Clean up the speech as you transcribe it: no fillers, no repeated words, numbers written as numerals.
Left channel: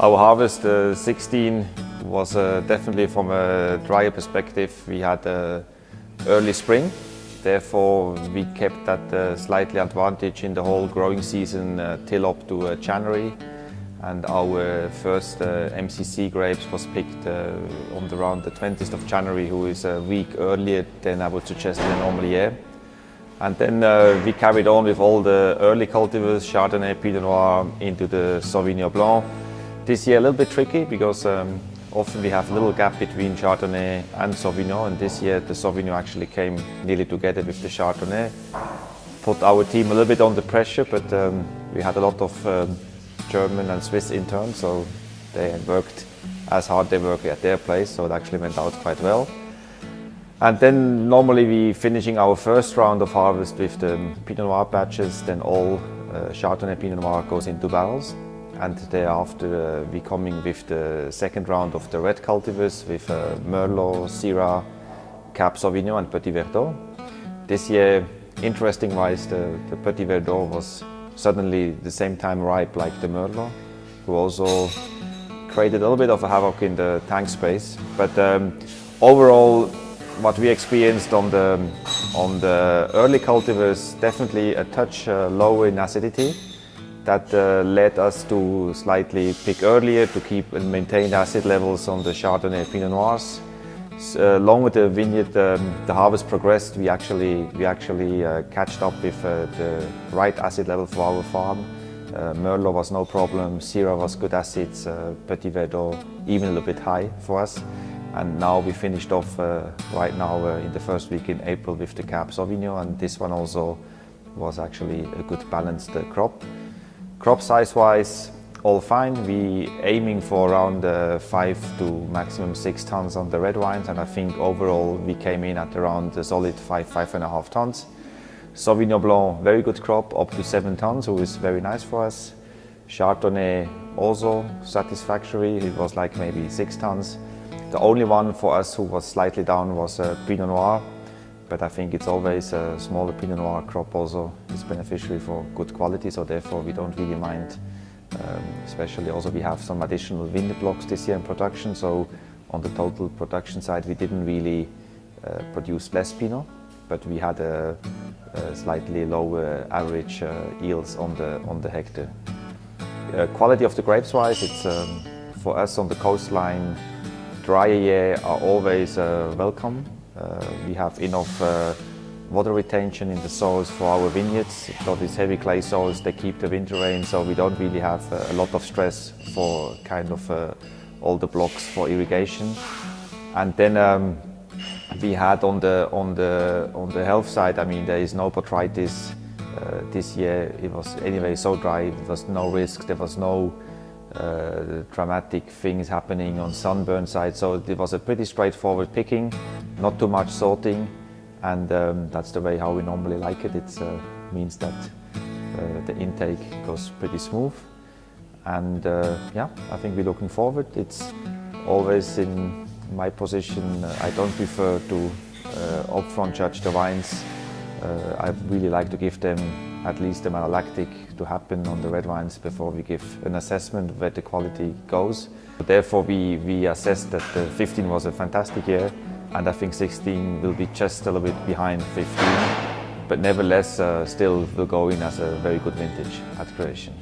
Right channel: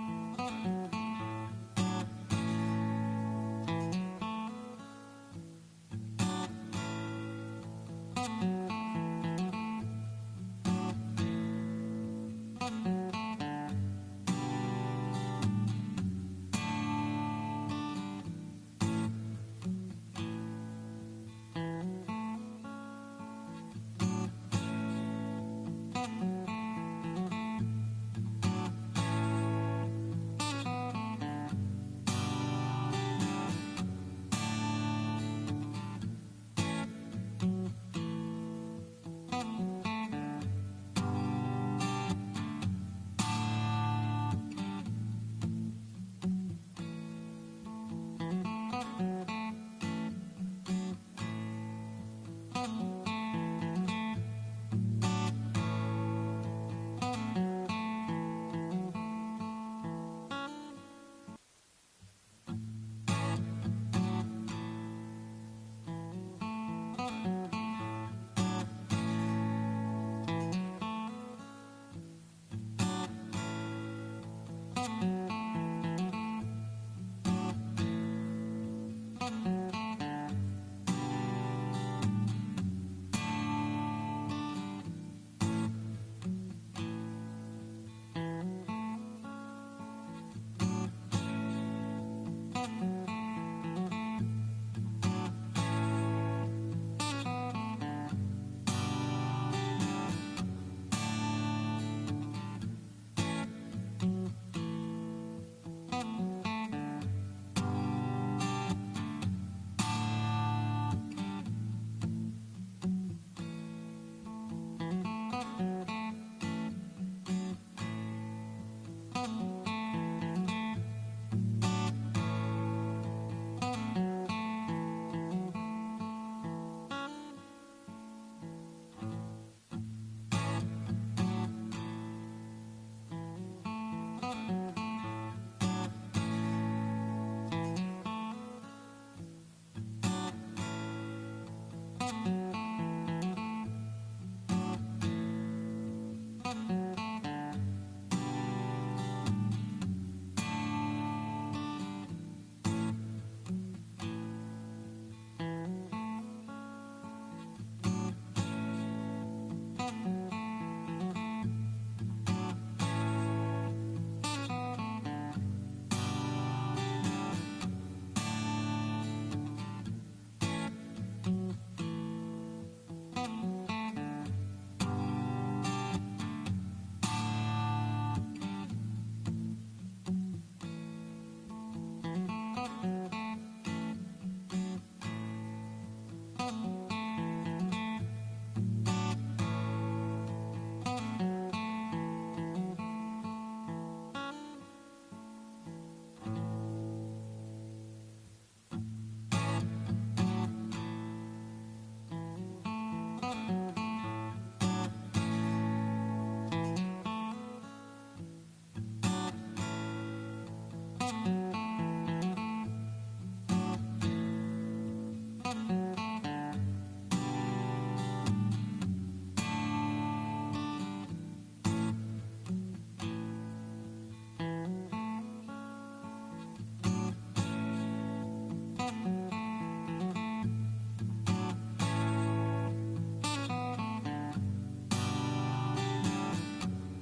Our harvest 16 was definitely from a drier perspective. We had early spring, therefore we kept that slightly advantage in the whole growing season till up to January. And our first MCC grapes was picked on around the 20th of January, who is a week earlier than I would suggest in a normal year. And then we carried on with all the early cultivars, Chardonnay, Pinot Noir, into the Sauvignon Blanc. This year a little bit tricky because often we have a little gap between Chardonnay and Sauvignon, and this year the Sauvignon actually came nearly together with the Chardonnay. Put our team a little bit under pressure, but we had a lot of German and Swiss interns, so they worked as hard they work at their place, so it actually went out quite well. And then normally we finishing our first round of harvest with the Pinot Noir batches, then all Chardonnay Pinot Noir goes into barrels. And thereafter we coming with the second round of the red cultivars with Merlot, Syrah, Cab Sauvignon and Petit Verdot. This year, interesting-wise, the Petit Verdot was suddenly the same time ripe like the Merlot, who also created a little bit of a havoc in the tank space. But overall, what we experienced on the early cultivars, definitely a touch lower in acidity. That led us to slightly pick earlier to keep and maintain acid levels on the Chardonnay Pinot Noirs. Along with the vineyard, the harvest progressed, we actually catched up with the right acid level for our farm. Merlot was no problem, Syrah was good acids, Petit Verdot even a little bit high for us. And now we finished off right now in the first week in April with the Cab Sauvignon, and this one also was actually a good balanced crop. Crop size-wise, all fine. We aiming for around 5 to maximum 6 tons on the red wines, and I think overall we came in at around a solid 5.5 tons. Sauvignon Blanc, very good crop, up to 7 tons, which is very nice for us. Chardonnay also satisfactory, it was like maybe 6 tons. The only one for us who was slightly down was Pinot Noir. But I think it's always a smaller Pinot Noir crop also is beneficial for good quality, so therefore we don't really mind. Especially also we have some additional vineyard blocks this year in production, so on the total production side we didn't really produce less Pinot, but we had a slightly lower average yields on the hectare. Quality of the grapes wise, it's for us on the coastline, drier year are always welcome. We have enough water retention in the soils for our vineyards. So these heavy clay soils, they keep the winter rain, so we don't really have a lot of stress for kind of all the blocks for irrigation. And then we had on the health side, I mean, there is no botrytis. This year it was anyway so dry, there was no risk, there was no dramatic things happening on sunburn side, so it was a pretty straightforward picking, not too much sorting, and that's the way how we normally like it. It means that the intake goes pretty smooth, and yeah, I think we're looking forward. It's always in my position, I don't prefer to upfront judge the wines. I really like to give them at least the malolactic to happen on the red wines before we give an assessment where the quality goes. Therefore we assessed that 15 was a fantastic year, and I think 16 will be just a little bit behind 15, but nevertheless still will go in as a very good vintage at Croatian.